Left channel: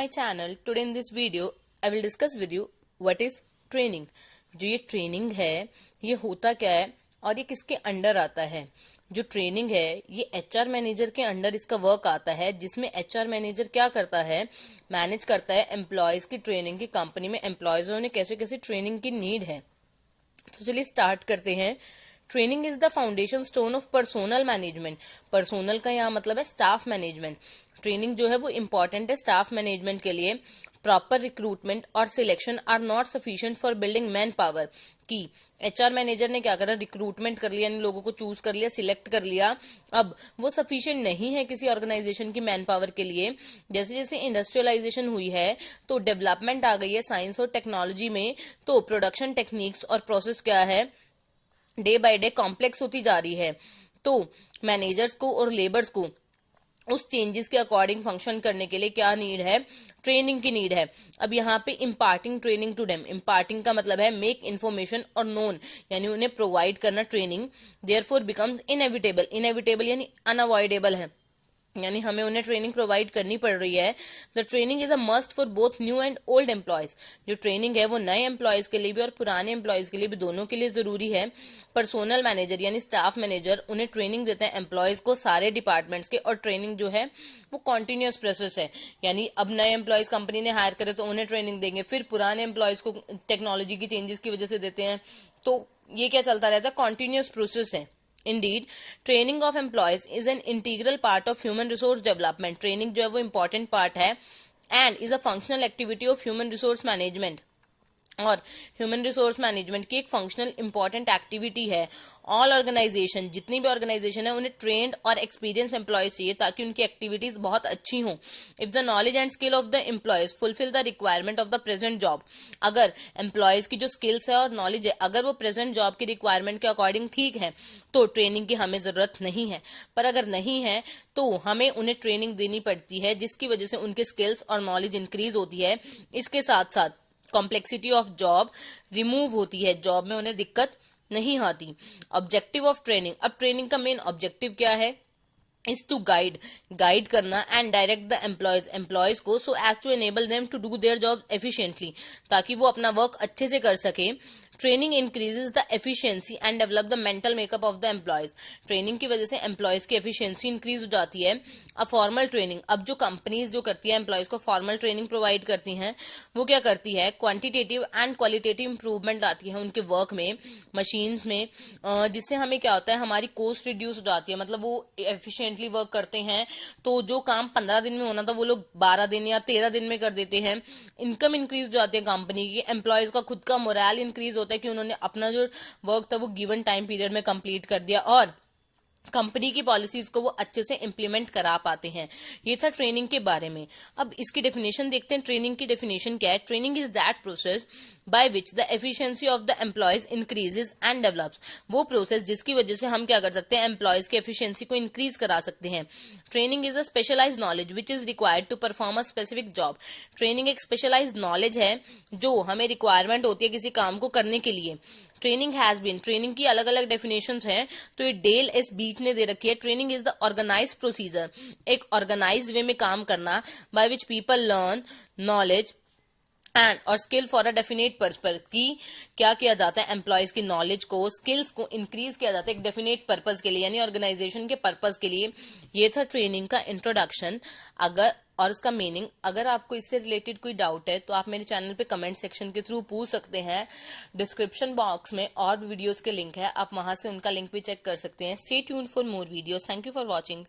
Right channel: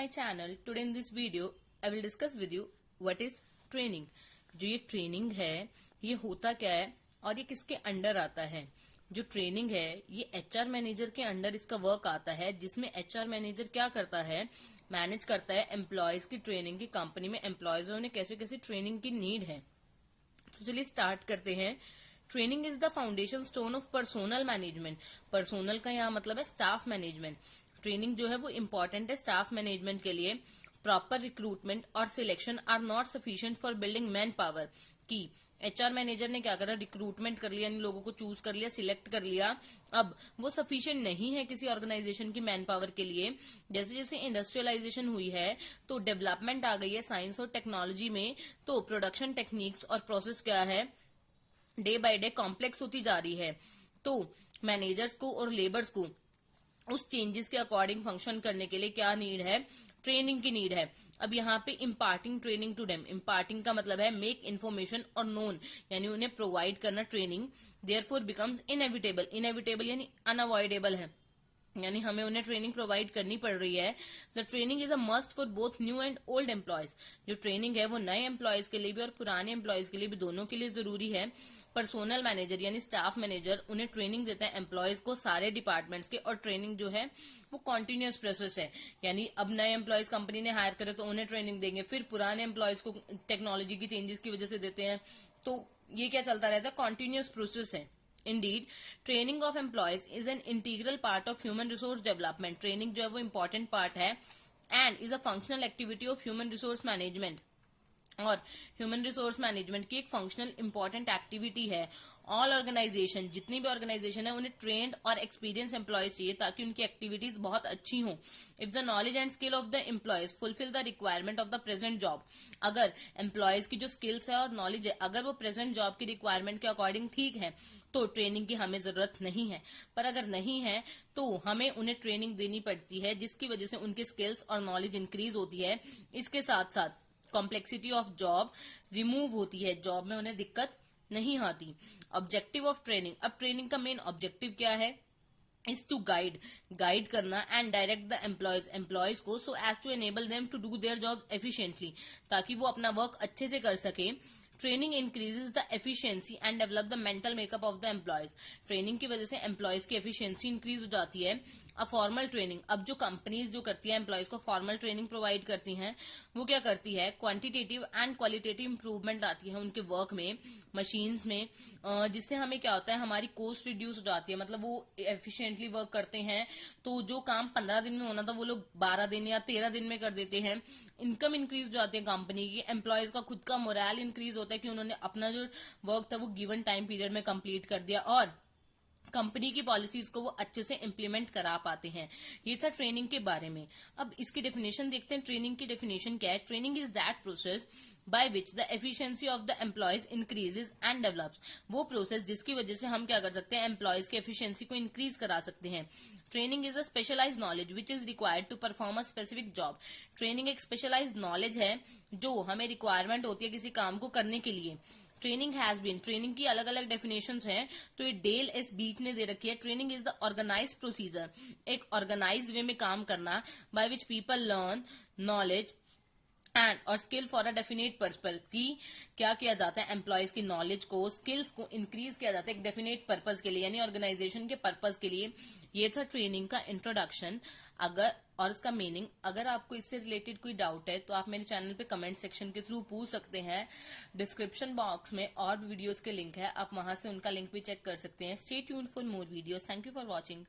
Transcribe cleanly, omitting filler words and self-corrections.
My channel. Today in this video I will discuss with you what is training. जो ये training है ये होता क्या है और ये किसके अंडर आता है। जो ट्रेनिंग है ये एचआर मैनेजर के अंडर इसका वर्क आता है, जिसमें एचआर मैनेजर क्या करता है, मैनेज करता है एम्प्लॉयज की ट्रेनिंग की। कंपनी में एम्प्लॉयज ने कैसे कैसे ट्रेनिंग की नीड है। तो चलिए स्टार्ट करते हैं। Training is the foundation stone of personnel management. Personnel का यहाँ मतलब है स्टाफ मैनेजमेंट। ट्रेनिंग जो है वो इंपॉर्टेंट है स्टाफ मैनेजमेंट के लिए। प्रॉपर रिक्रूटमेंट और selection are not sufficient for building manpower. की एचआर मैनेजर ने क्या करा, रिक्रूटमेंट कर लिया, इन लोगों को चूज कर लिया, सिलेक्ट कर लिया, अब वो सफिशिएंट नहीं है किसी ऑर्गेनाइजेशन की मैन पावर के लिए। जैसे जैसे इंडस्ट्रियलाइजेशन हुई है तो डेवलपमेंट आ गई है साइंस और टेक्नोलॉजी में, तो प्रोडक्शन टेक्निक्स और प्रोसेस क्या है डे बाय डे कॉम्प्लेक्स होती जा रही है। तो मैनेजर्स को और लेबर्स को उस चेंजेस के अकॉर्डिंग फंक्शन करने के लिए क्या नीड है, ट्रेनिंग की नीड है। अब यहाँ पे imparting training to them, imparting का मतलब है मेक इन्फॉर्मेशन और नोन, यानी उन्हें प्रोवाइड करना training. Therefore becomes inevitable, inevitable यानी अनअवॉइडेबल है, यानी हमें उन्हें ट्रेनिंग प्रोवाइड करनी पड़ रही है। The training is a must for both new and old employees. जो ट्रेनिंग है वो नए एम्प्लॉयज के लिए भी और पुराने एम्प्लॉयज के लिए भी, दोनों के लिए जरूरी है। पर्सोनल मैनेजर यानी स्टाफ मैनेजर उन्हें ट्रेनिंग देते हैं एम्प्लॉयज को सारे डिपार्टमेंट्स के, और ट्रेनिंग जो है वो कॉन्टिन्यूस प्रोसेस है। यानी अब नए एम्प्लॉयज कंपनी ने हायर करे तो उन्हें ट्रेनिंग देंगे, फिर पुराने एम्प्लॉयज को टेक्नोलॉजी की चेंजेस की वजह से देते हैं। तो ये क्या चलता रहता है, कॉन्टिन्यूस प्रोसेस है। Indeed, training of employees is an integral part of human resource development. Training जो है वो important part है and is a functional activity of human resource management. और ह्यूमन रिसोर्स मैनेजमेंट की एक फंक्शनल इंपॉर्टेंट एक्टिविटी है। All organisation, जितनी भी ऑर्गेनाइजेशन है, उन्हें ट्रेंड और एक्सपीरियंस एम्प्लॉयज चाहिए ताकि उनकी एक्टिविटीज बहुत अच्छी हों। If the knowledge and skill of the employees fulfil the requirement of the present job, अगर एम्प्लॉयज की जो स्किल्स है और नॉलेज है अगर वो प्रेजेंट जॉब की रिक्वायरमेंट के अकॉर्डिंग ठीक है तो ट्रेनिंग की हमें जरूरत नहीं है। पर अगर नहीं है तो हमें उन्हें ट्रेनिंग देनी पड़ती है, जिसकी वजह से उनके स्किल्स और नॉलेज इंक्रीज होती है। इसके साथ साथ कॉम्प्लेक्सिटी ऑफ जॉब रिमूव होती है, जॉब में उन्हें दिक्कत नहीं आती। ऑब्जेक्टिव ऑफ ट्रेनिंग, अब ट्रेनिंग का मेन ऑब्जेक्टिव क्या है, इज टू गाइड करना एंड डायरेक्ट द एम्प्लॉयज को so as to enable them to do their job efficiently, ताकि वो अपना वर्क अच्छे से कर सके। Training increases the efficiency and develop the mental makeup of the employees. Training की वजह से एम्प्लॉयज की एफिशिएंसी इंक्रीज हो जाती है। अब फॉर्मल ट्रेनिंग, अब जो कंपनीज जो करती है एम्प्लॉयज को फॉर्मल ट्रेनिंग प्रोवाइड करती हैं, वो क्या करती है, क्वांटिटेटिव एंड क्वालिटेटिव इंप्रूवमेंट आती है उनके वर्क में, मशीन्स में, जिससे हमें क्या होता है, हमारी कॉस्ट रिड्यूस हो जाती है। मतलब वो एफिशिएंटली वर्क करते हैं, तो जो काम 15 दिन में होना था वो लोग 12 दिन या 13 दिन में कर देते हैं। इनकम इंक्रीज हो जाती है कंपनी की, एम्प्लॉयज का खुद का मोरल इंक्रीज होता है कि उन्होंने अपना जो वर्क था वो गिवन टाइम पीरियड में कंप्लीट कर दिया, और कंपनी की पॉलिसीज को वो अच्छे से इंप्लीमेंट करा पाते हैं। ये था ट्रेनिंग के बारे में। अब इसकी डेफिनेशन देखते हैं। ट्रेनिंग की डेफिनेशन क्या है, training is that process by which the efficiency of the employees increases and develops. वो प्रोसेस जिसकी वजह से हम क्या कर सकते हैं, एम्प्लॉयज की एफिशिएंसी को इंक्रीज करा सकते हैं। Training is a specialize knowledge which is required to perform a specific job. Training एक स्पेशलाइज नॉलेज है जो हमें रिक्वायरमेंट होती है किसी काम को करने के लिए। ट्रेनिंग हैज बीन, ट्रेनिंग की अलग अलग डेफिनेशंस हैं, तो ये डेल एस बीच ने दे रखी है। Training is the organized procedure, एक ऑर्गेनाइज वे में काम करना, by which people learn knowledge and और skill for a definite purpose. की क्या किया जाता है, एम्प्लॉयज की नॉलेज को, स्किल्स को इंक्रीज किया जाता है एक डेफिनेट पर्पज के लिए, यानी ऑर्गेनाइजेशन के पर्पज के लिए। ये था ट्रेनिंग का इंट्रोडक्शन अगर और इसका मीनिंग। अगर आपको इससे रिलेटेड कोई डाउट है तो आप मेरे चैनल पे कमेंट सेक्शन के थ्रू पूछ सकते हैं। डिस्क्रिप्शन बॉक्स में और वीडियोस के लिंक है, आप वहां से उनका लिंक भी चेक कर सकते हैं। Stay tuned for more videos. Thank you for watching.